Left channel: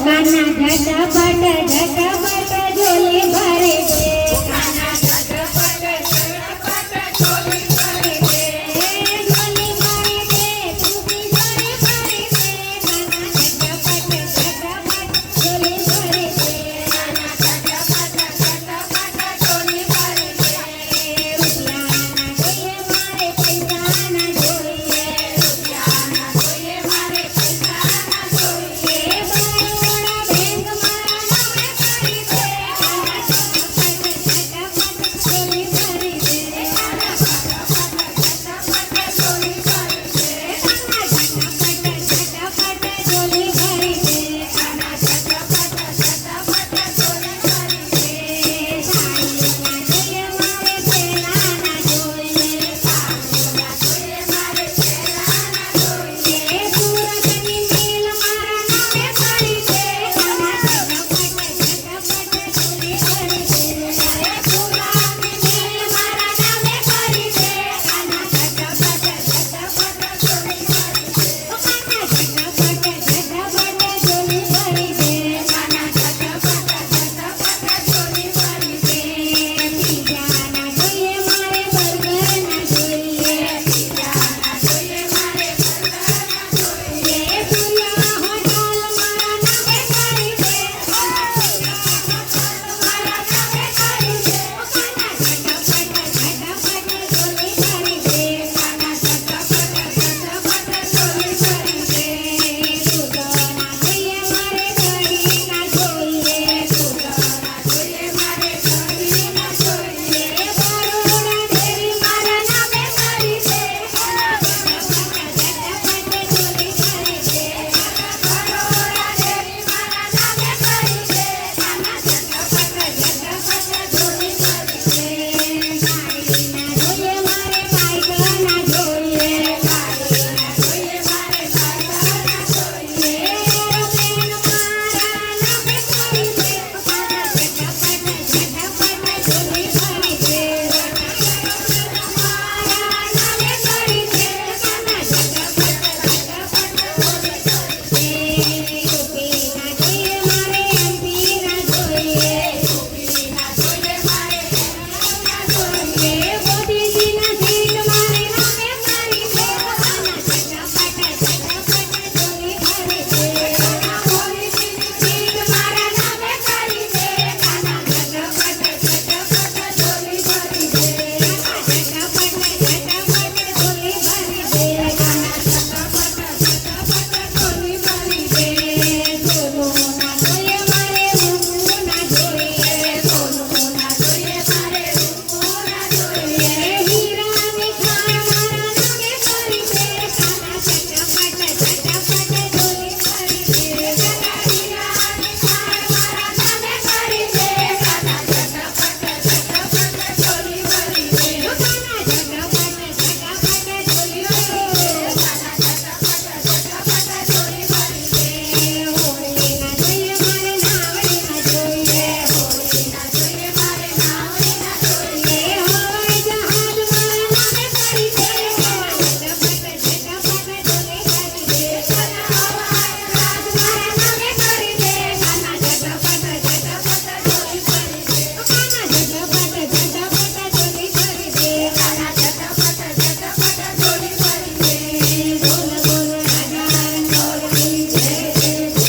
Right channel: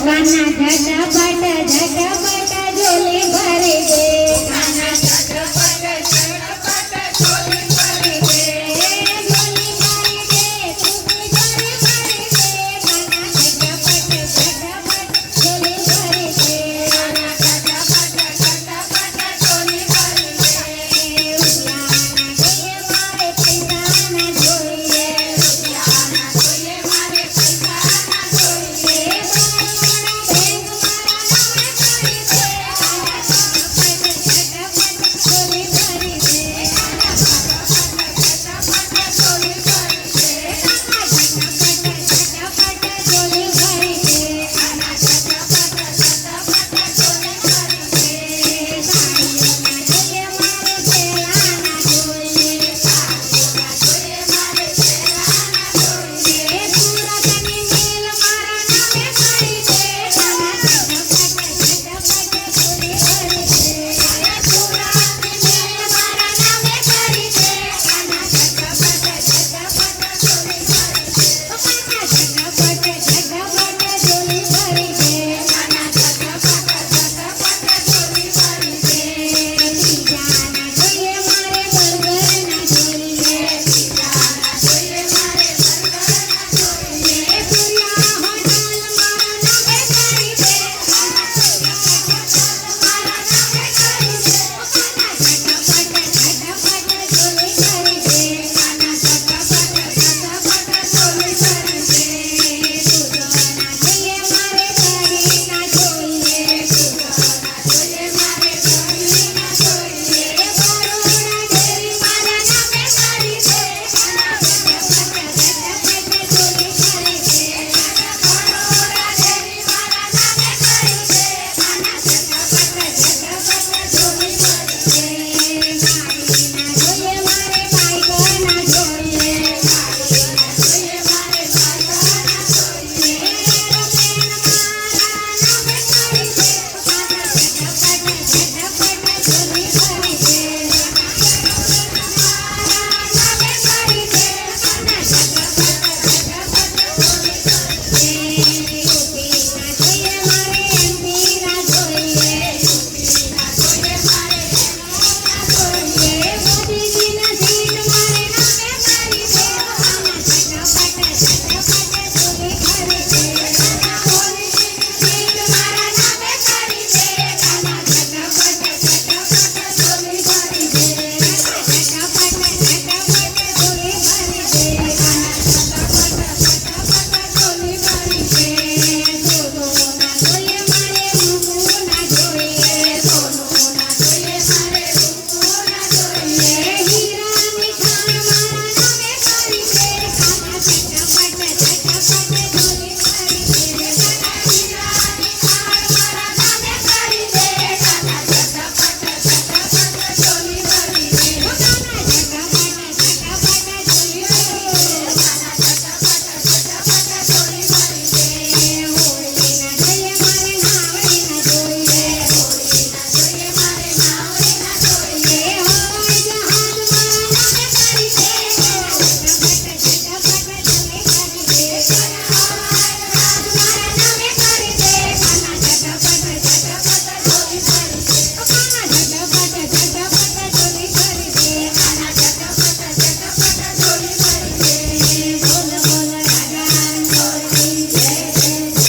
જોગાના ઝટા પાટા ઝટા પાટા જોલી ભરે